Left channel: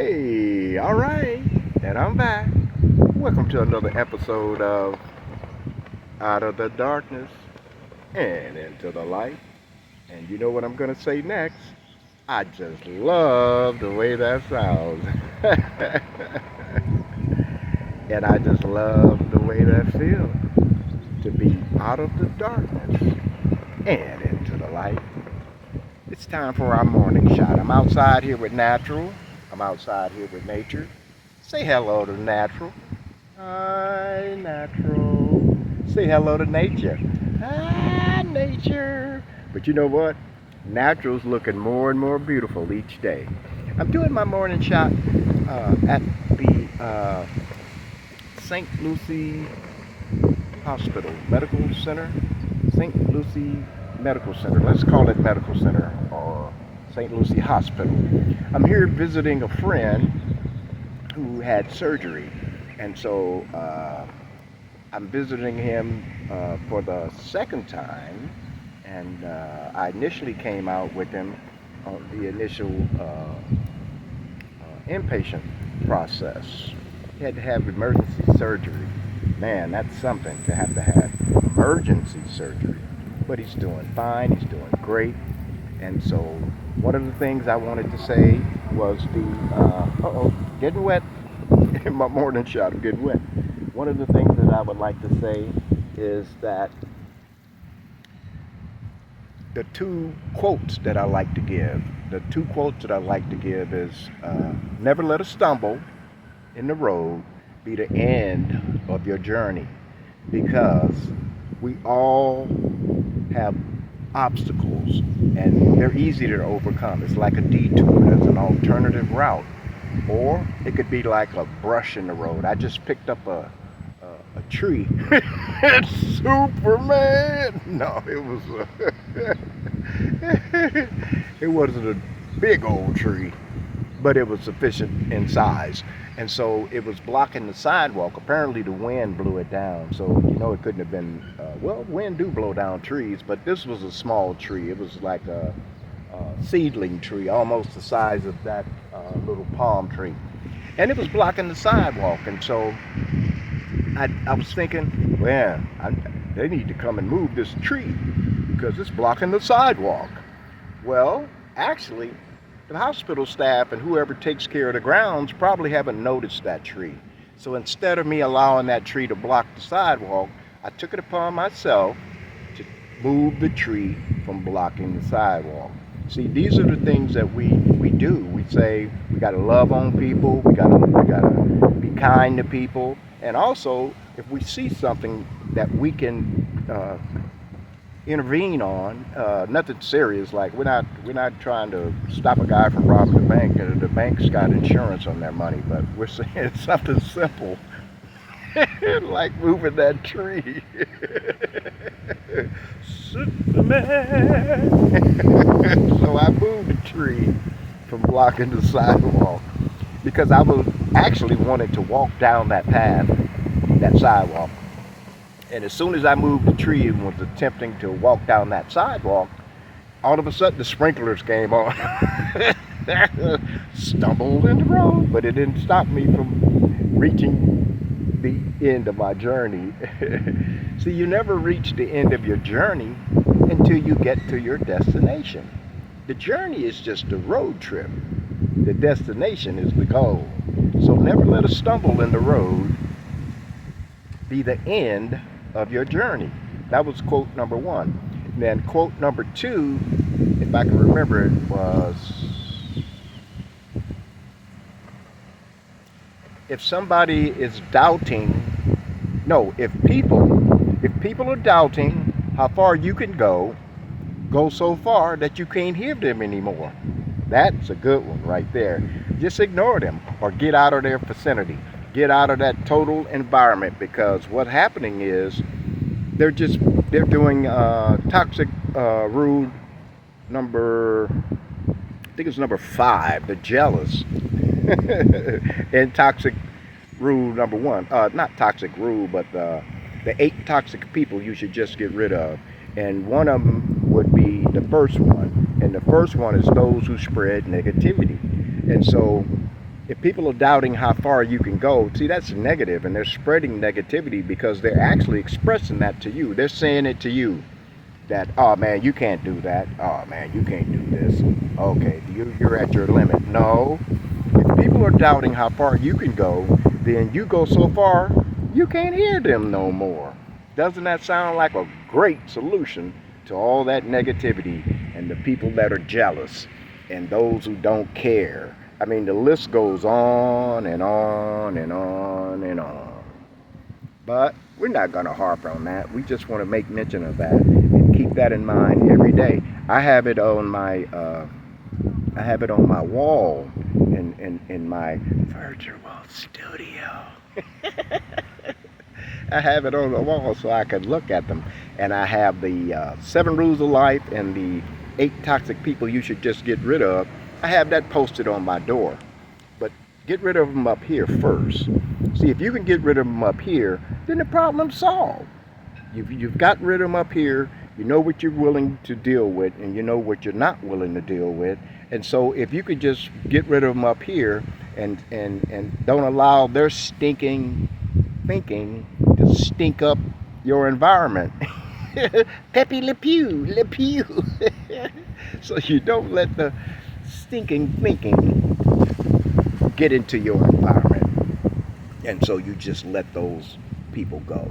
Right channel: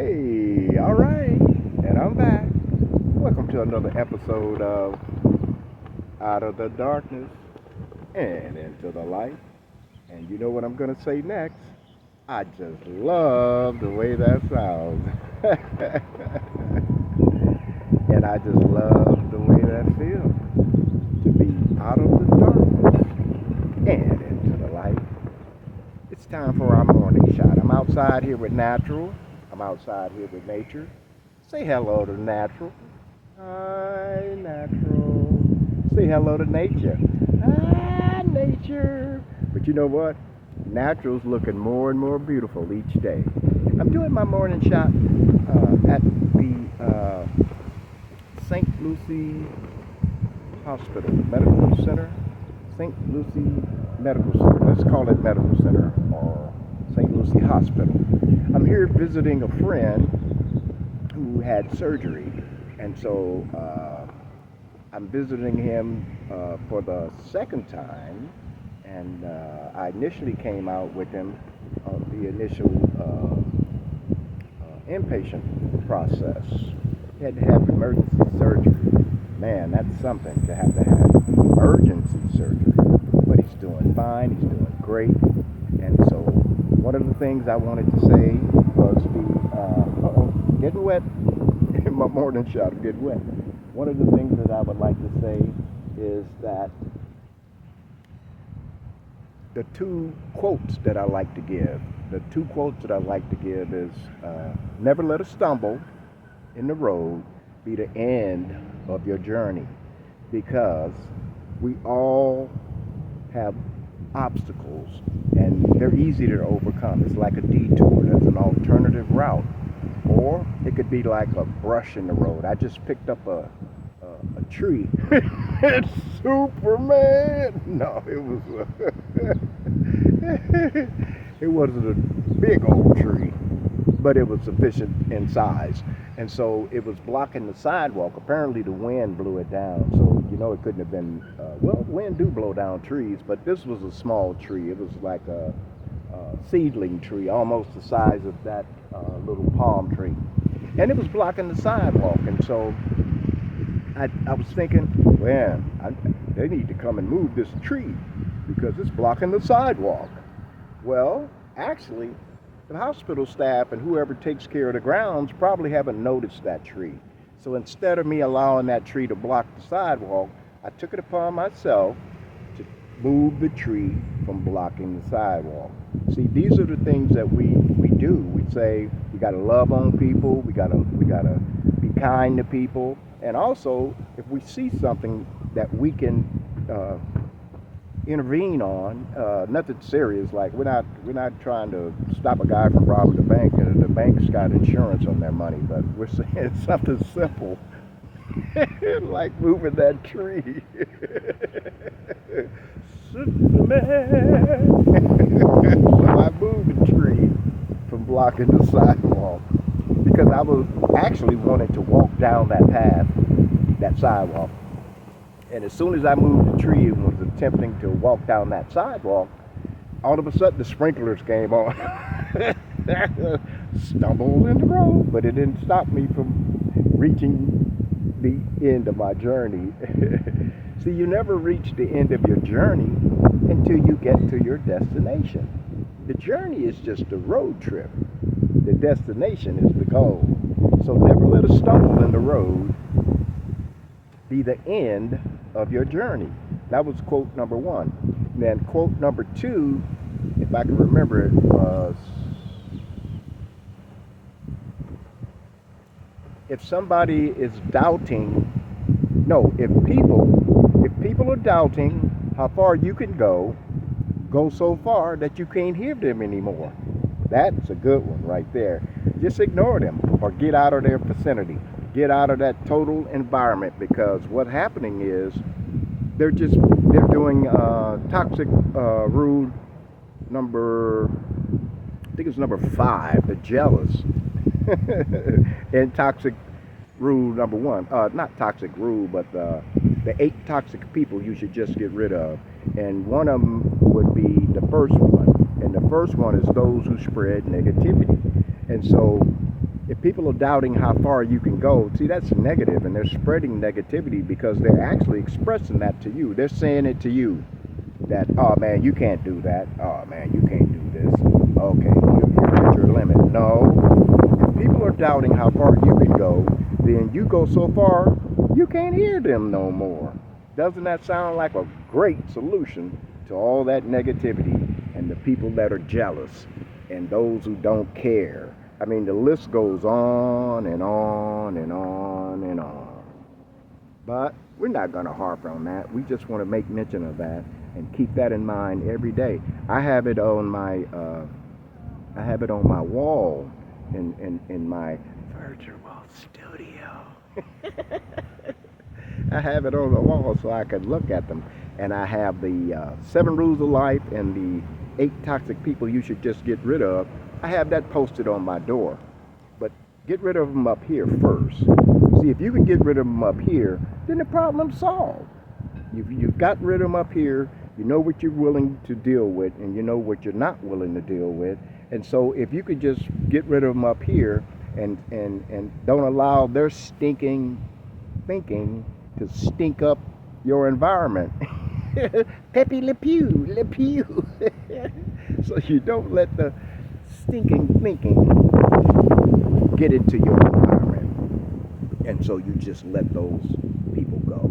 Hey, all right, and I'm back. Welcome to another episode of Out of the Darkness and Into the Light. And you know what I'm going to say next? I just love the way that sounds. And I just love the way that feels to be out of the darkness and into the light. It's time for our morning shot. I'm outside here with Natural. I'm outside here with nature. Say hello to Natural. Hi, Natural. Say hello to nature. Hi, nature. But you know what? Natural's looking more and more beautiful each day. I'm doing my morning shot at the St. Lucie Hospital Medical Center. St. Lucie Medical Center. Let's call it Medical Center or St. Lucie Hospital. I'm here visiting a friend who had surgery, and so I'm visiting him for the second time. And I initially came out with him on the initial inpatient process. He had to have emergency surgery. Man, that's something to have emergency surgery. But he's doing fine, he's doing great. And so one of the things I wanted to say was getting wet. In my morning shot of getting wet. One of the things that I would like to say is that the two quotes that I like to give, is never let a stumble in the road be the end of your journey, because we all have obstacles and they're easy to overcome. It's like a detour, there's an alternative route, or it could be like a brush in the road. I just picked up a tree. It's Superman. No, it wasn't a big old tree, but it was sufficient in size. And so it was blocking the sidewalk. Apparently the wind blew it down. So, it couldn't have been, wind do blow down trees, but this was a small tree. It was like a seedling tree, almost the size of that little palm tree. And it was blocking the sidewalk. And so I was thinking, well, they need to come and move this tree because it's blocking the sidewalk. Well, actually, the hospital staff and whoever takes care of the grounds probably haven't noticed that tree. So instead of me allowing that tree to block the sidewalk, I took it upon myself to move the tree from blocking the sidewalk. See, these are the things that we do. We say we got to love on people, we got to be kind to people, and also if we see something that we can intervene on, nothing serious, like we're not trying to stop a guy from robbing the bank, and the bank's got insurance on their money, but we're saying something simple like moving that tree. Superman. So I moved the tree from blocking the sidewalk because I was actually wanting to walk down that path, that sidewalk. And as soon as I moved the tree and was attempting to walk down that sidewalk, all of a sudden the sprinklers came on. Stumbled in the road, but it didn't stop me from reaching the end of my journey. See, you never reach the end of your journey until you get to your destination. The journey is just a road trip. The destination is the goal. So never let a stumble in the road be the end of your journey. That was quote number one. And then quote number two, if I can remember it, was if somebody is doubting, no, if people are doubting how far you can go so far that you can't hear them anymore. That's a good one right there. Just ignore them or get out of their vicinity. Get out of that total environment, because what's happening is they're doing toxic rule number, I think it's number 5, the jealous. And toxic rule number 1, not toxic rule, but the 8 toxic people you should just get rid of. And one of them would be the first one. And the first one is those who spread negativity. And so if people are doubting how far you can go, see, that's negative, and they're spreading negativity because they're actually expressing that to you. They're saying it to you that, oh man, you can't do that. Oh man, you can't do this. Okay, you're at your limit. No, if people are doubting how far you can go, then you go so far you can't hear them no more. Doesn't that sound like a great solution to all that negativity and the people that are jealous and those who don't care? I mean, the list goes on and on and on and on. But we're not going to harp on that. We just want to make mention of that and keep that in mind every day. I have it on my wall in my virtual studio. I have it on the wall so I can look at them. And I have the 7 Rules of Life and the 8 Toxic People You Should Just Get Rid of. I have that posted on my door. But get rid of them up here first. See, if you can get rid of them up here, then the problem's solved. You've got rid of them up here. You know what you're willing to deal with, and you know what you're not willing to deal with. And so if you could just get rid of them up here and don't allow their stinking thinking to stink up your environment. Pepe Le Pew, Le Pew. So you don't let the stinking thinking get into your environment. And so you just let those people go.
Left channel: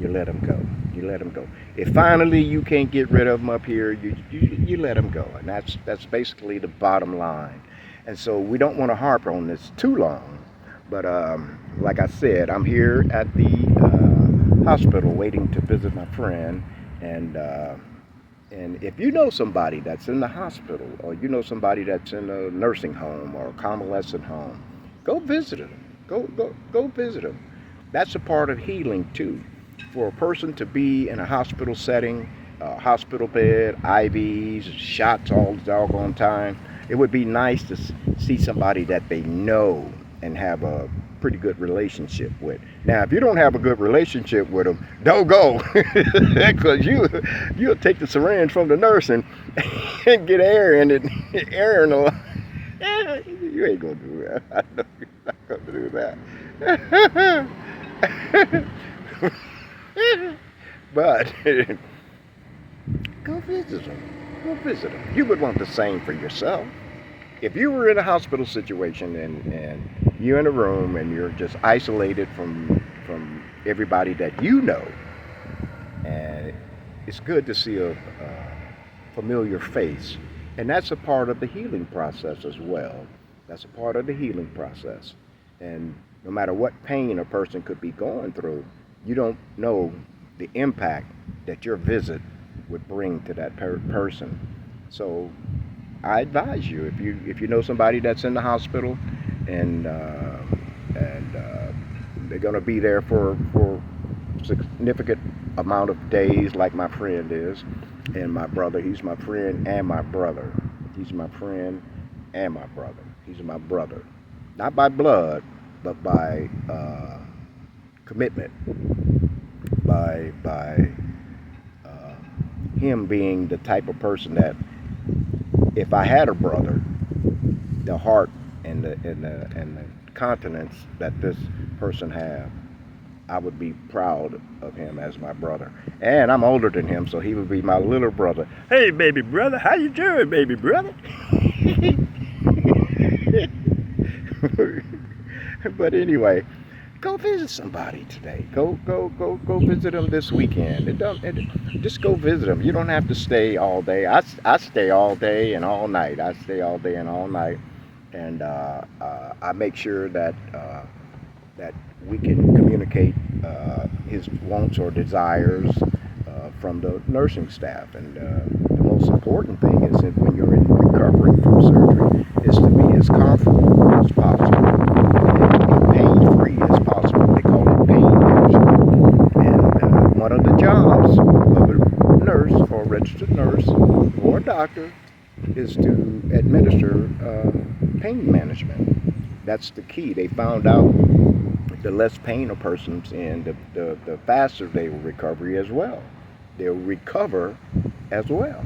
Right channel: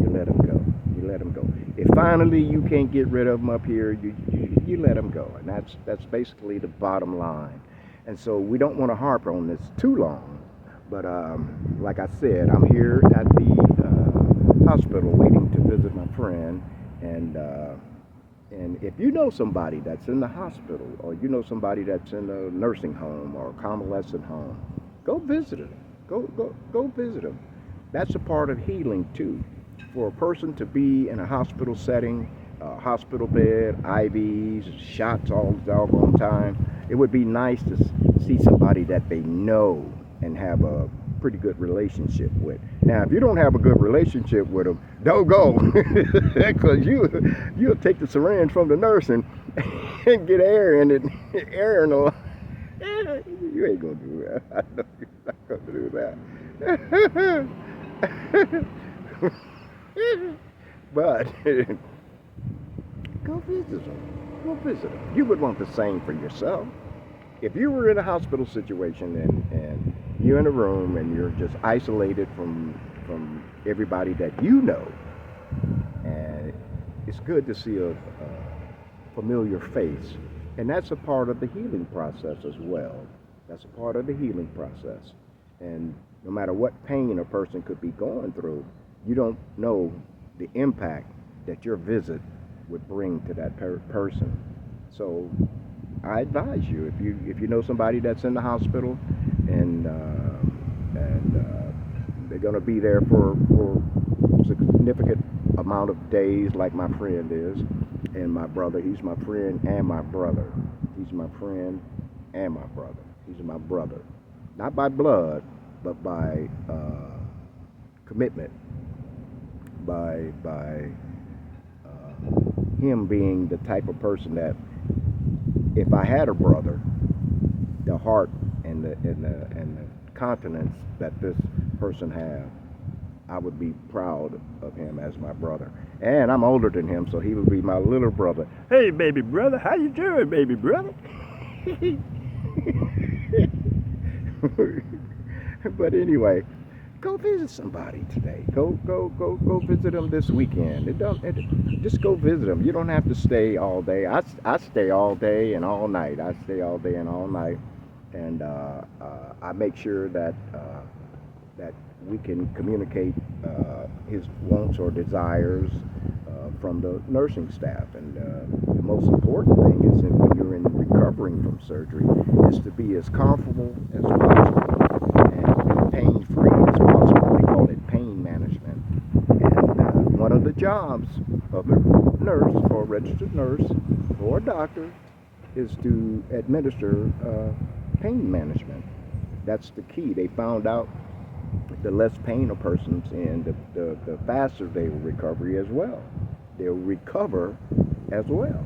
You let them go. You let them go. If finally you can't get rid of them up here, you let them go. And that's basically the bottom line. And so we don't want to harp on this too long. But like I said, I'm here at the hospital waiting to visit my friend. And if you know somebody that's in the hospital, or you know somebody that's in a nursing home or a convalescent home, go visit them. Go visit them. That's a part of healing too. For a person to be in a hospital setting, a hospital bed, IVs, shots all the doggone time, it would be nice to see somebody that they know and have a pretty good relationship with. Now, if you don't have a good relationship with them, don't go, because you'll take the syringe from the nurse and get air in it, air in the. You ain't gonna do that. I know you're not gonna do that. But go visit them. Go visit them. You would want the same for yourself. If you were in a hospital situation and you're in a room and you're just isolated from everybody that you know, and it's good to see a familiar face. And that's a part of the healing process as well. That's a part of the healing process. And no matter what pain a person could be going through, you don't know the impact that your visit would bring to that person. So I advise you, if you know somebody that's in the hospital and they're going to be there for a significant amount of days, like my friend is, and my brother, he's my friend and my brother. He's my friend and my brother. He's my brother. Not by blood, but by commitment. By him being the type of person that, if I had a brother, the heart and the continence that this person had, I would be proud of him as my brother. And I'm older than him, so he would be my little brother. Hey, baby brother, how you doing, baby brother? But anyway, go visit somebody today. Go visit them this weekend. Just go visit them. You don't have to stay all day. I stay all day and all night. I stay all day and all night, and I make sure that we can communicate his wants or desires from the nursing staff. And the most important thing is that when you're recovering from surgery, is to be as comfortable as possible and pain-free as possible. They call it pain management. And one of the jobs of a nurse or a registered nurse or a doctor is to administer pain management. That's the key. They found out the less pain a person's in, the faster they will recovery as well. They'll recover as well.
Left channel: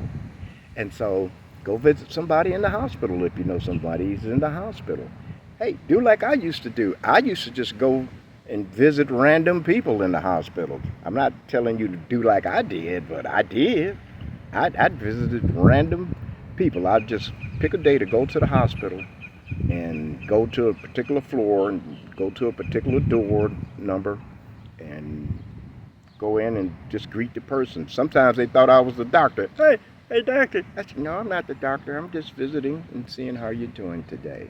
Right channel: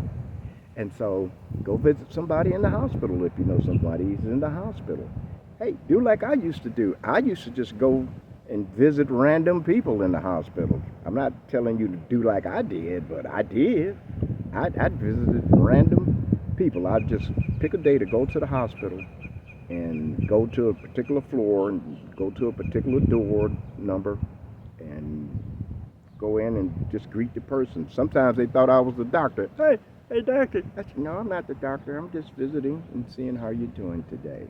And so go visit somebody in the hospital if you know somebody who's in the hospital. Hey, do like I used to do. I used to just go and visit random people in the hospital. I'm not telling you to do like I did, but I did. I'd visited random people. I'd just pick a day to go to the hospital and go to a particular floor and go to a particular door number and go in and just greet the person. Sometimes they thought I was the doctor. Hey, doctor. I said, no, I'm not the doctor. I'm just visiting and seeing how you're doing today.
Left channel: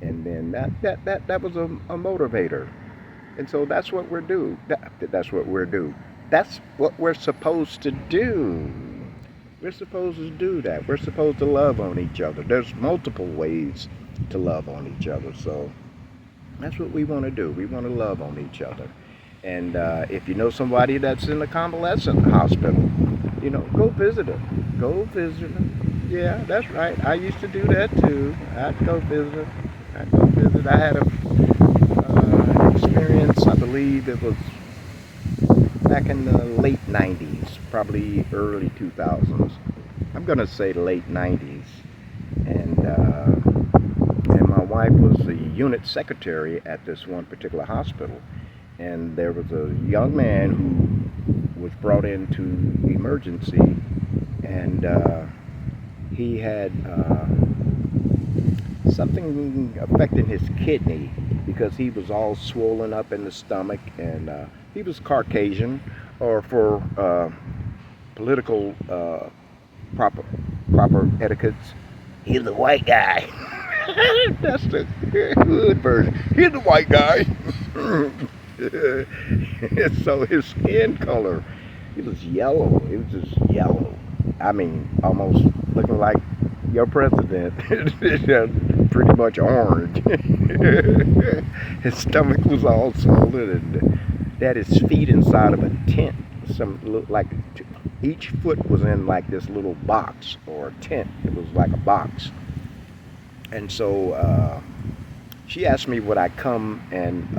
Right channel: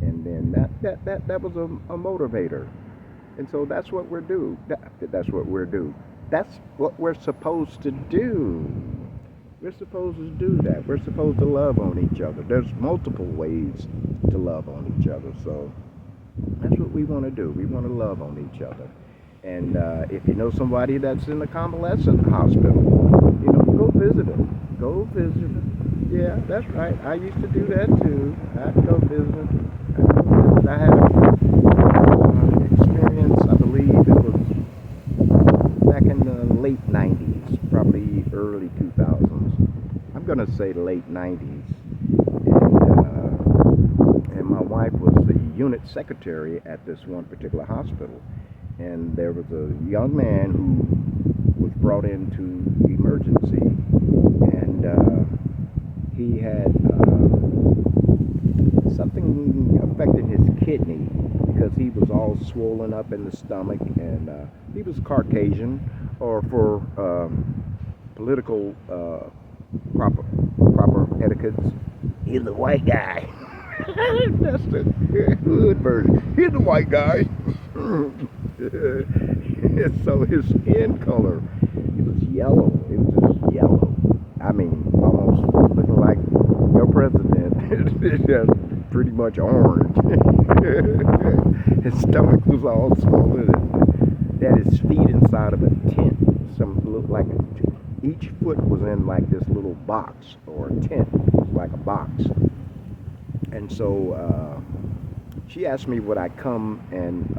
And then that was a motivator. And so that's what we're do. That's what we're do. That's what we're supposed to do. We're supposed to do that. We're supposed to love on each other. There's multiple ways to love on each other. So that's what we want to do. We want to love on each other. And if you know somebody that's in a convalescent hospital, go visit them. Go visit them. Yeah, that's right. I used to do that too. I'd go visit. I had an experience, I believe it was back in the late 90s, probably early 2000s. I'm going to say late 90s. And my wife was the unit secretary at this one particular hospital. And there was a young man who was brought into emergency, and he had something affecting his kidney because he was all swollen up in the stomach, and he was Caucasian, or for political proper etiquettes, he's the white guy. That's the good version. He's the white guy. So his skin color, it was yellow. It was just yellow. I mean, almost looking like your president. Pretty much orange. His stomach was all swollen, and he had his feet inside of a tent. Some looked like each foot was in like this little box or a tent. It was like a box. And so she asked me would I come and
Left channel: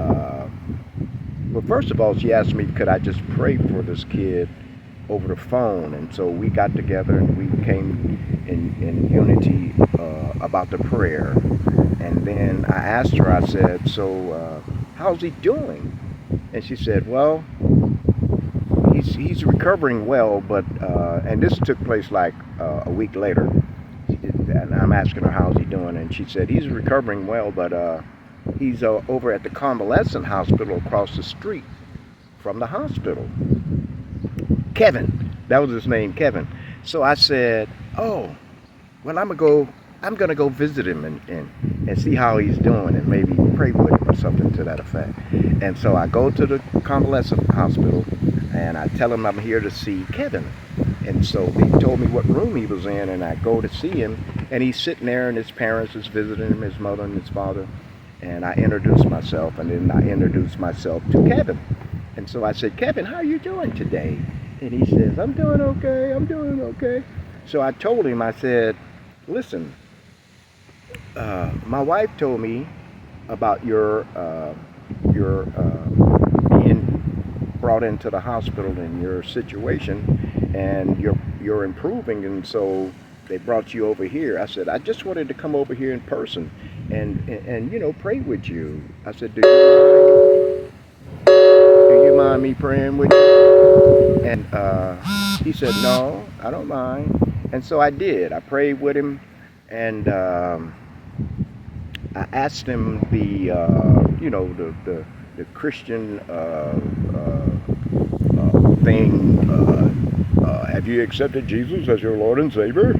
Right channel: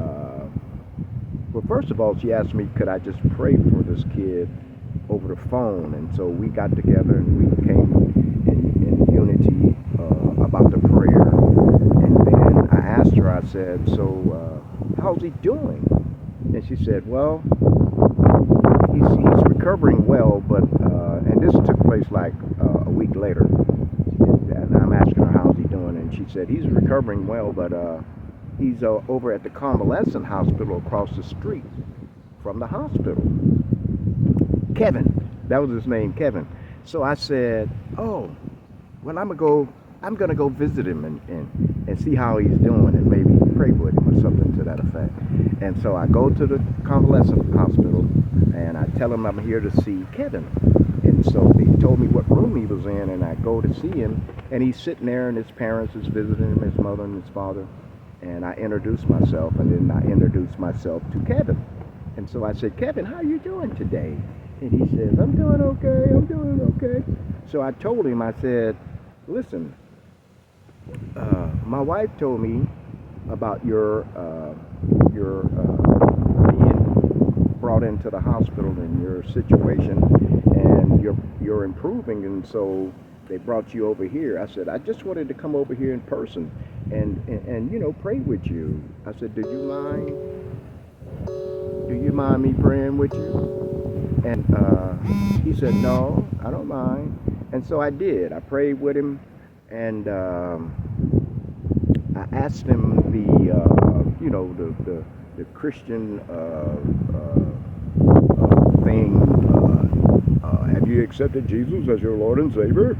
well, first of all, she asked me could I just pray for this kid over the phone. And so we got together and we came in unity about the prayer. And then I asked her, I said, so how's he doing? And she said, well, he's recovering well, but and this took place like a week later. And I'm asking her how's he doing, and she said he's recovering well, but he's over at the convalescent hospital across the street from the hospital. Kevin, that was his name, Kevin. So I said, oh, well, I'm gonna go visit him and see how he's doing and maybe pray with him or something to that effect. And so I go to the convalescent hospital and I tell him I'm here to see Kevin. And so he told me what room he was in, and I go to see him, and he's sitting there, and his parents is visiting him, his mother and his father. And I introduced myself, and then I introduced myself to Kevin. And so I said, Kevin, how are you doing today? And he says, I'm doing okay. So I told him, I said, listen, my wife told me about your being brought into the hospital and your situation, and you're improving, and so they brought you over here. I said, I just wanted to come over here in person and pray with you. I said, do you mind me praying with you? And he said, no, I don't mind. And so I did. I prayed with him, and I asked him the Christian thing. Have you accepted Jesus as your Lord and Savior?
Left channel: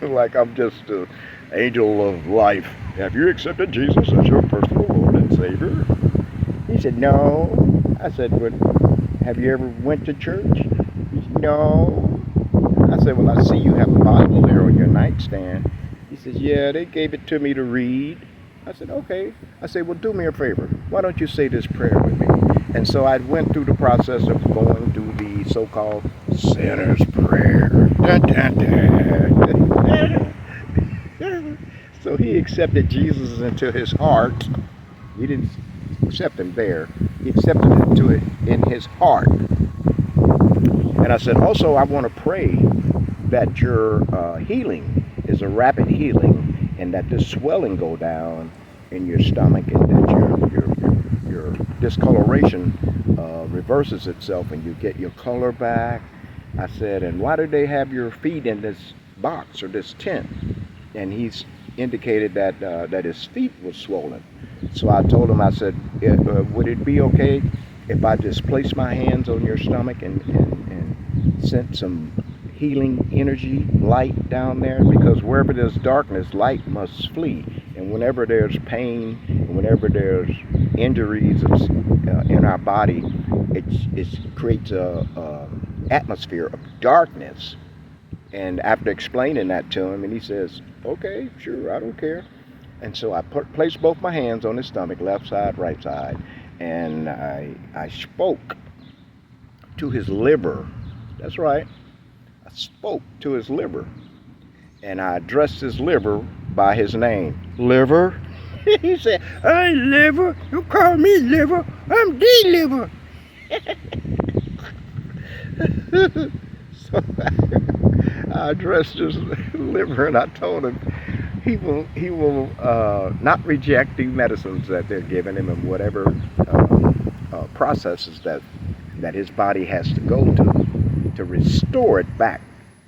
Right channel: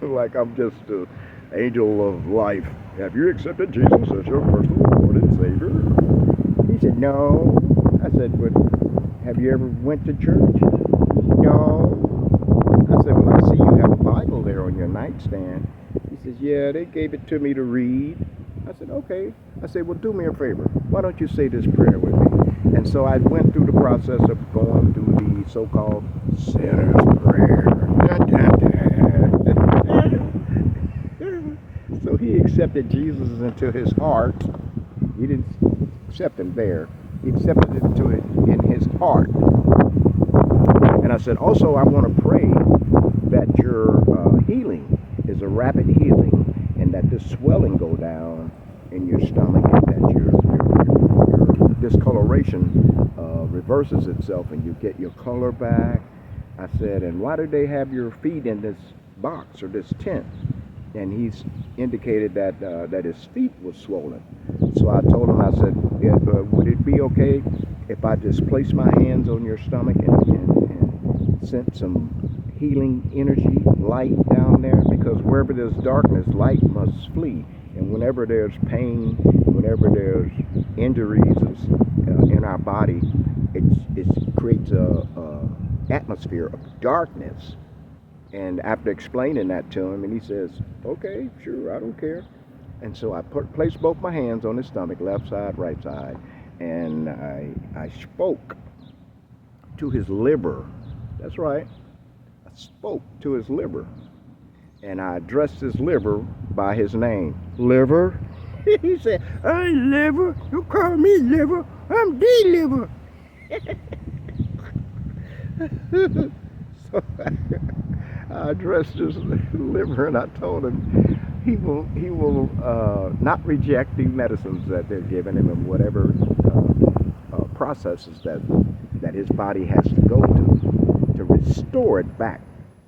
Like I'm just an angel of life. Have you accepted Jesus as your personal Lord and Savior? He said, no. I said, but have you ever went to church? He said, no. I said, well, I see you have a Bible there on your nightstand. He says, yeah, they gave it to me to read. I said, okay. I said, well, do me a favor. Why don't you say this prayer with me? And so I went through the process of going through the so-called sinner's prayer. Da, da, da. So he accepted Jesus into his heart. He didn't accept him there. He accepted it into it in his heart. And I said, also, I want to pray that your healing is a rapid healing, and that this swelling go down in your stomach, and that your discoloration reverses itself, and you get your color back. I said, and why do they have your feet in this box or this tent? And he's indicated that that his feet was swollen. So I told him, I said, would it be okay if I just place my hands on your stomach and sent some healing energy, light down there? Because wherever there's darkness, light must flee. And whenever there's pain, whenever there's injuries in our body, it creates a atmosphere of darkness. And after explaining that to him, and he says, okay, sure, I don't care. And so I placed both my hands on his stomach, left side, right side, and I spoke to his liver. That's right. I spoke to his liver. And I addressed his liver by his name. Liver? He said, hey, liver, you call me liver, I'm the liver. So I addressed his liver, and I told him he will not reject the medicines that they're giving him, and whatever processes that his body has to go to restore it back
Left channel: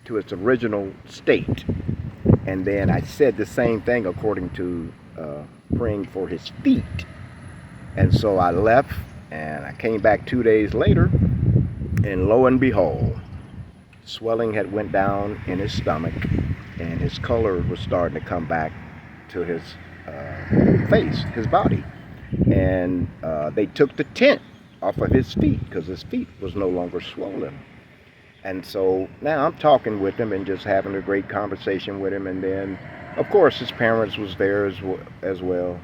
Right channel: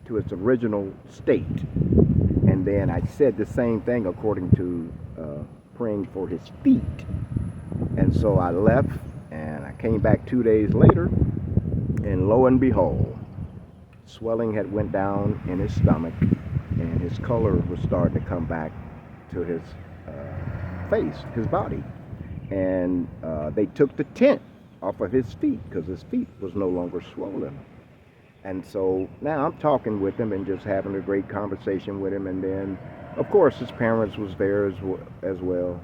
to its original state. And then I said the same thing according to praying for his feet. And so I left, and I came back 2 days later, and lo and behold, swelling had went down in his stomach, and his color was starting to come back to his face, his body. And they took the tent off of his feet because his feet was no longer swollen. And so now I'm talking with him and just having a great conversation with him. And then, of course, his parents was there as well.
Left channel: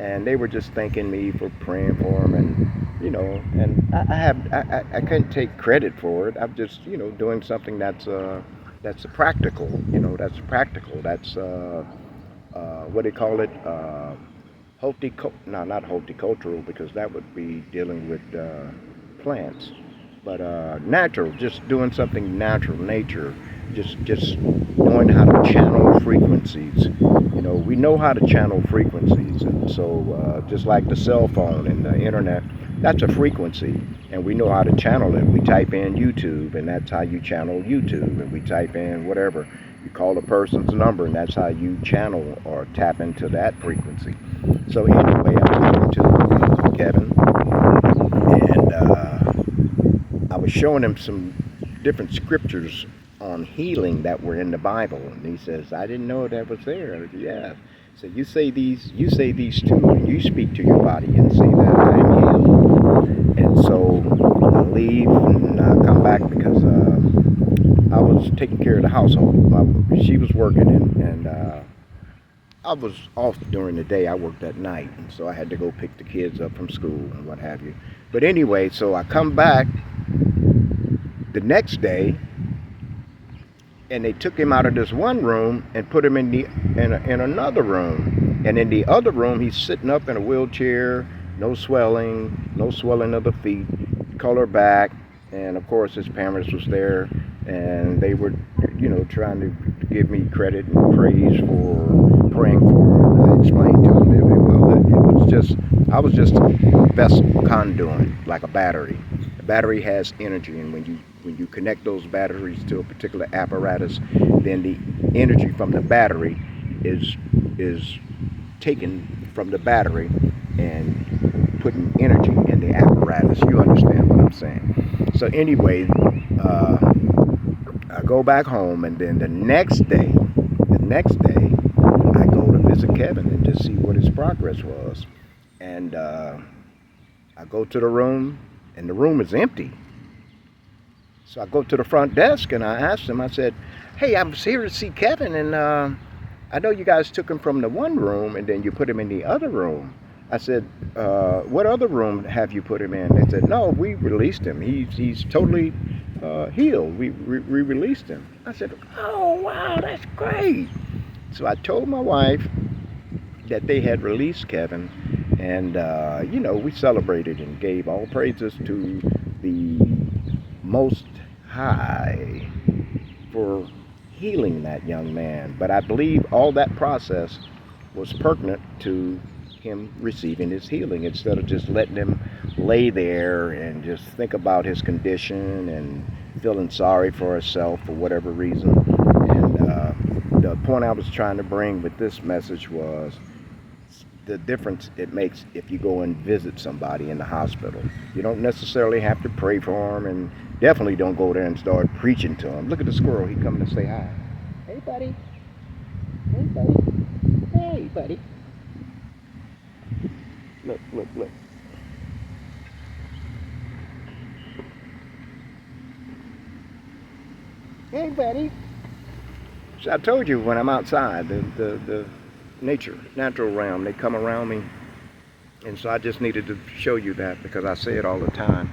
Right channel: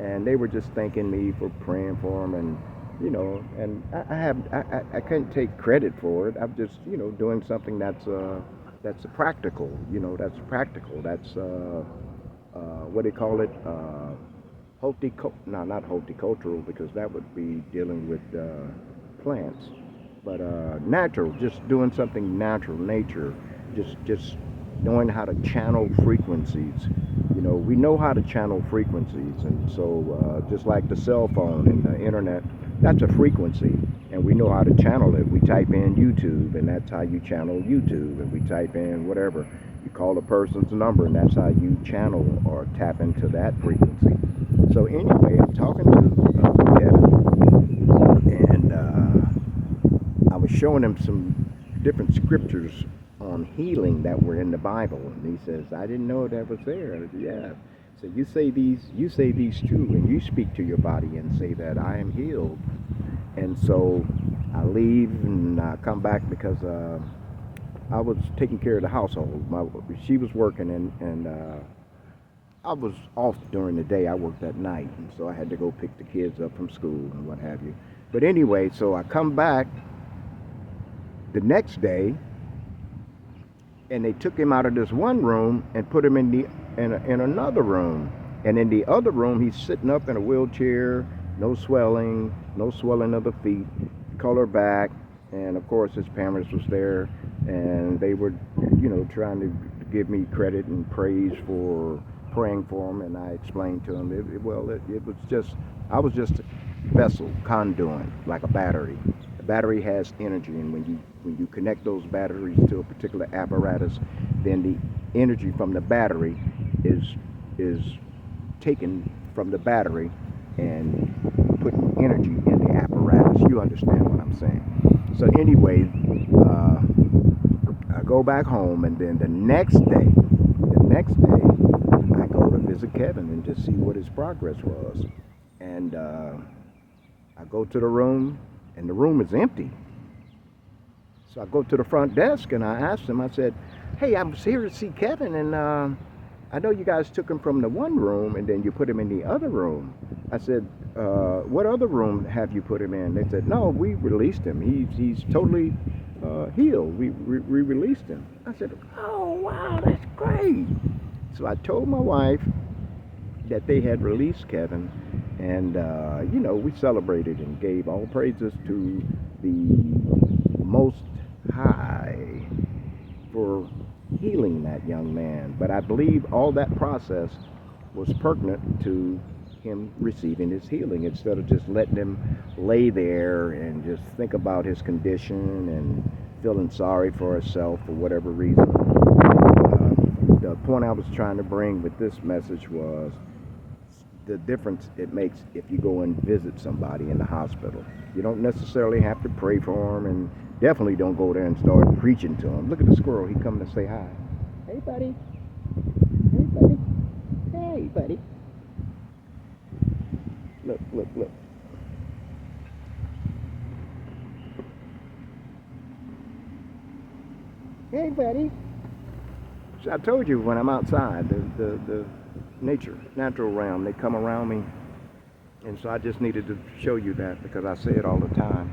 And they were just thanking me for praying for him. And, you know, and I couldn't take credit for it. I'm just, you know, doing something that's practical. You know, that's practical. That's, what do you call it? Not horticultural, because that would be dealing with plants. But natural, just doing something natural, nature, just knowing how to channel frequencies. You know, we know how to channel frequencies, and so just like the cell phone and the internet, that's a frequency, and we know how to channel it. We type in YouTube, and that's how you channel YouTube, and we type in whatever. You call a person's number, and that's how you channel or tap into that frequency. So anyway, I'm talking to Kevin, and I was showing him some different scriptures on healing that were in the Bible, and he says, I didn't know that was there. I said, yeah. So you say these too, and you speak to your body and say that I am healed. And so I leave and I come back because I was taking care of the household. She was working, and I was off during the day. I worked at night, and so I had to go pick the kids up from school and what have you. But anyway, so I come back the next day, and they took him out of this one room and put him in another room. And in the other room, he's sitting up in a wheelchair, no swelling of the feet, color back, and of course his parents was there, and they were, you know, trying to give me credit and praise for praying for him. And I explained to him I was just a vessel, conduit, like a battery. A battery has energy, and when you connect those batteries to a particular apparatus, then the energy from the battery is taken from the battery and putting energy in the apparatus. You understand what I'm saying? So anyway, I go back home, and then the next day, I go to visit Kevin and just see what his progress was. And I go to the room, and the room is empty. So I go to the front desk, and I asked him, I said, hey, I'm here to see Kevin, and I know you guys took him from the one room, and then you put him in the other room. I said, what other room have you put him in? They said, no, we released him. He's totally healed. We released him. I said, oh, wow, that's great. So I told my wife that they had released Kevin, and, you know, we celebrated and gave all praises to the Most High for healing that young man. But I believe all that process was pertinent to him receiving his healing, instead of just letting him lay there and just think about his condition and feeling sorry for himself for whatever reason. And the point I was trying to bring with this message was the difference it makes if you go and visit somebody in the hospital. You don't necessarily have to pray for them, and definitely don't go there and start preaching to them. Look at the squirrel. He coming to say hi. Hey, buddy. Hey, buddy. Hey, buddy. Look, look, look. Hey, buddy. So I told you, when I'm outside, the natural realm, they come around me. And so I just needed to show you that, because I say it all the time.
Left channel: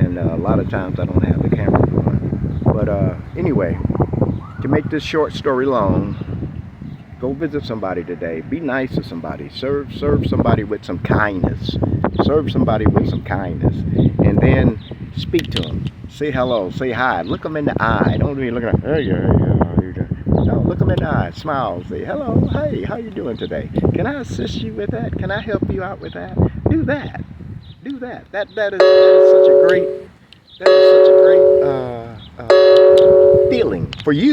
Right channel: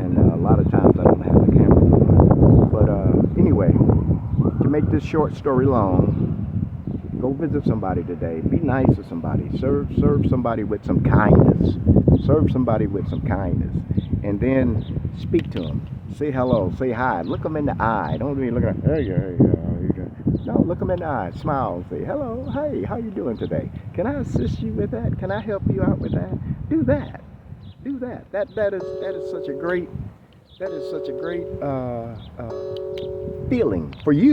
And a lot of times I don't have the camera on. But anyway, to make this short story long, go visit somebody today. Be nice to somebody. Serve somebody with some kindness. Serve somebody with some kindness. And then speak to them. Say hello. Say hi. Look them in the eye. Don't be looking at, hey, yeah, yeah. No, look them in the eye. Smile. Say, hello. Hey, how you doing today? Can I assist you with that? Can I help you out with that? Do that. Do that. That is such a great feeling for you.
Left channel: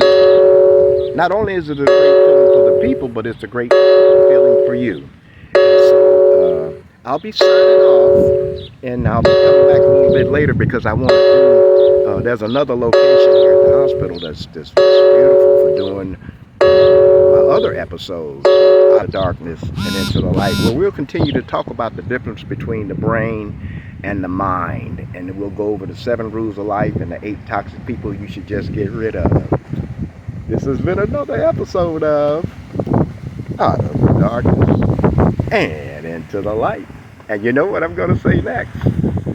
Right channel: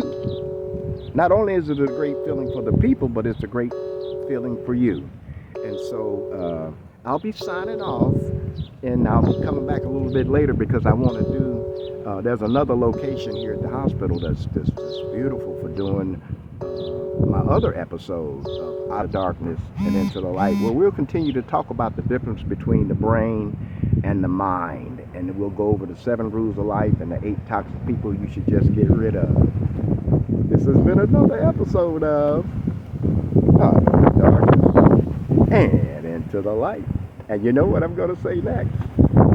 Not only is it a great feeling for the people, but it's a great feeling for you. And so I'll be signing off, and I'll be coming back a little bit later, because I want to do, there's another location here at the hospital that's beautiful for doing my other episodes, Out of Darkness and Into the Light, where we'll continue to talk about the difference between the brain and the mind. And we'll go over the 7 rules of life and the 8 toxic people you should just get rid of. This has been another episode of Out of the Darkness and Into the Light. And you know what I'm going to say next?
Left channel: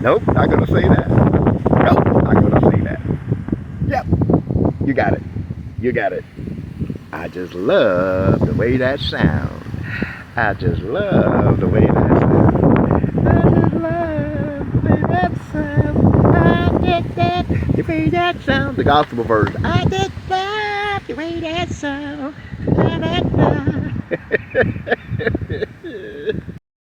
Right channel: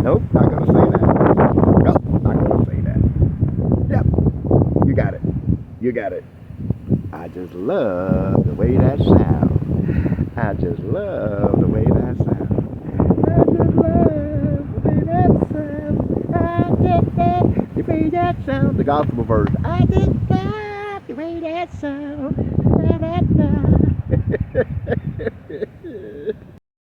Nope, not going to say that. Nope, not going to say that. Yep, you got it. You got it. I just love the way that sounds. I just love the way that sounds. I just love the way that sounds. I just love the way that sounds. The gospel verse. I just love the way that sounds.